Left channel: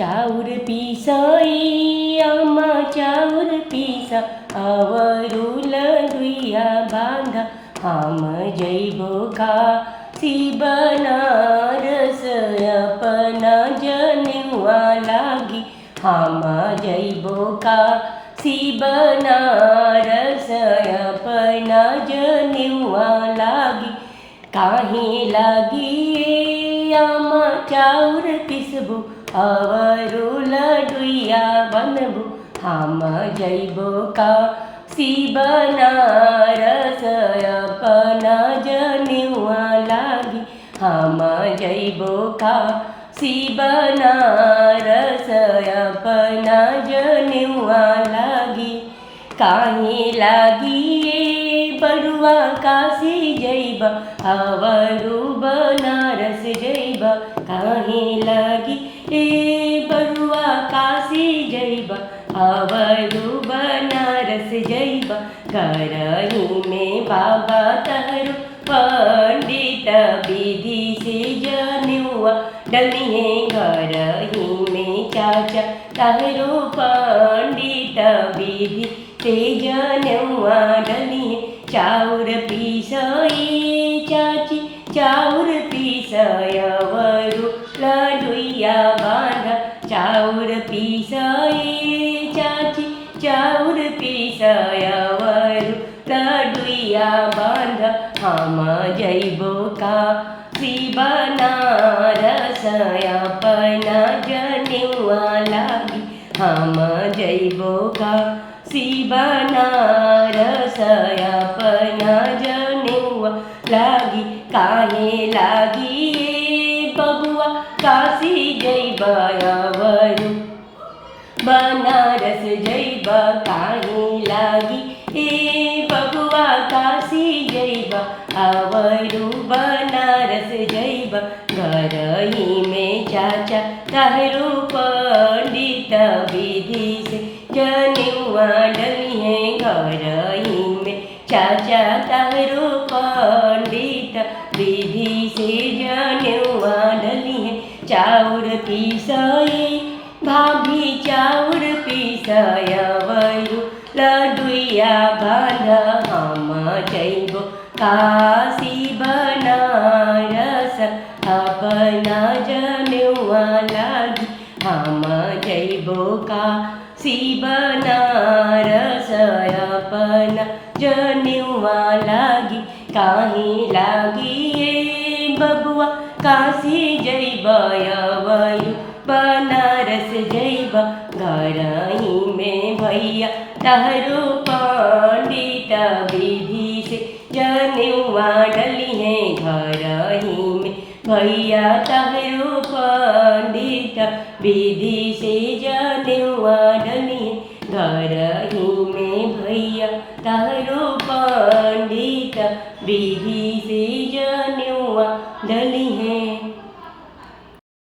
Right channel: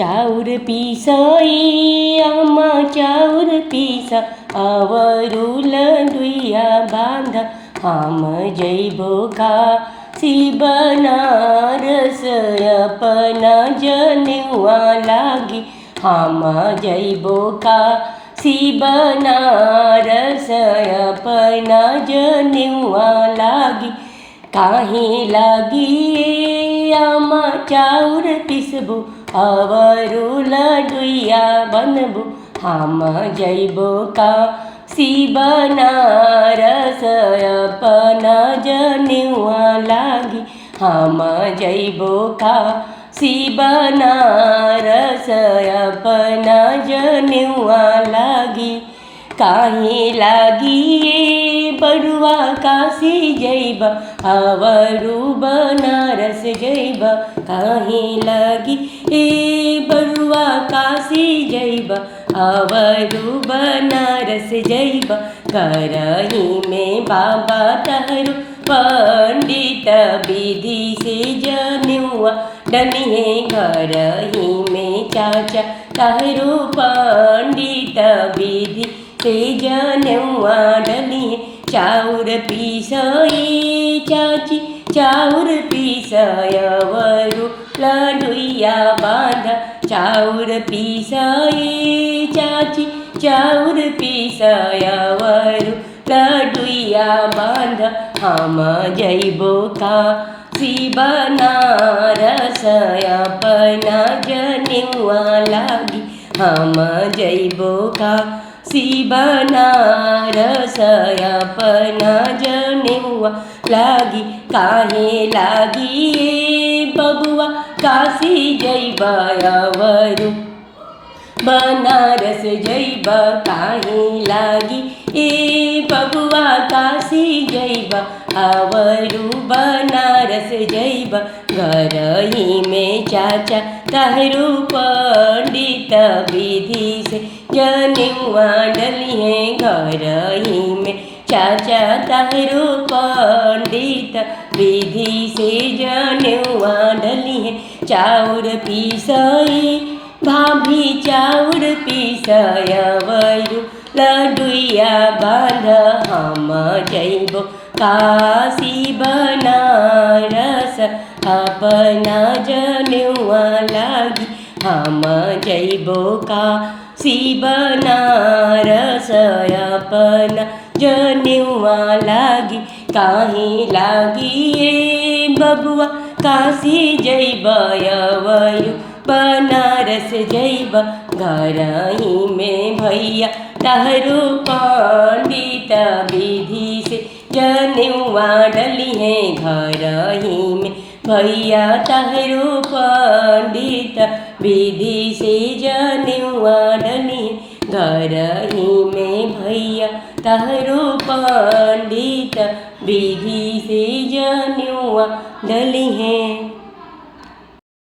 चाउर पीसाई आमा चाउर पीसा आवरुल दुइया बांधा हम जैबो काशी बनारस अपना जनेवा लागी हम जैबो काशी बनारस अपना जनेवा लागी काहे लागी आमा चाउर पिसबो आवरुल दुइया बनबो हम जैबो काशी बनारस अपना जनेवा लागी हम जैबो काशी बनारस अपना जनेवा लागी काहे लागी बरुआ काशी जैबा आवरु बनारस जैबा काहे लागी बरुआ काशी जैबा आवरु बनारस जैबा करही में बाबा तहरु पंडित विधि से जनेवा डलिहे घरही में चाचा तहरु पंडित विधि से जनेवा डलिहे चाउर पीसई चाची चाउर पीसयवरु लडुइया बांधा चाउर पीसई चाची चाउर पीसयवरु लडुइया बांधा हम जैबो काशी बनारस अपना जनेवा लागी हम जैबो काशी बनारस अपना जनेवा लागी काहे लागी बबुआ काशी जैबा आवरु बनारस जैबा काहे लागी बबुआ काशी जैबा आवरु बनारस जैबा घरही में चाचा तहरु पंडित विधि से जनेवा डलिहे घरही में चाचा तहरु पंडित विधि से जनेवा डलिहे चाउर पीसई भाभी चाउर पीसयवरु लडुइया बांधा हम जैबो काशी बनारस अपना जनेवा लागी हम जैबो काशी बनारस अपना जनेवा लागी काहे लागी बबुआ काशी जैबा आवरु बनारस जैबा घरही में भैया तहरु पंडित विधि से जनेवा डलिहे घरही में भैया तहरु पंडित विधि से जनेवा डलिहे घरही में भैया तहरु पंडित विधि से जनेवा डलिहे।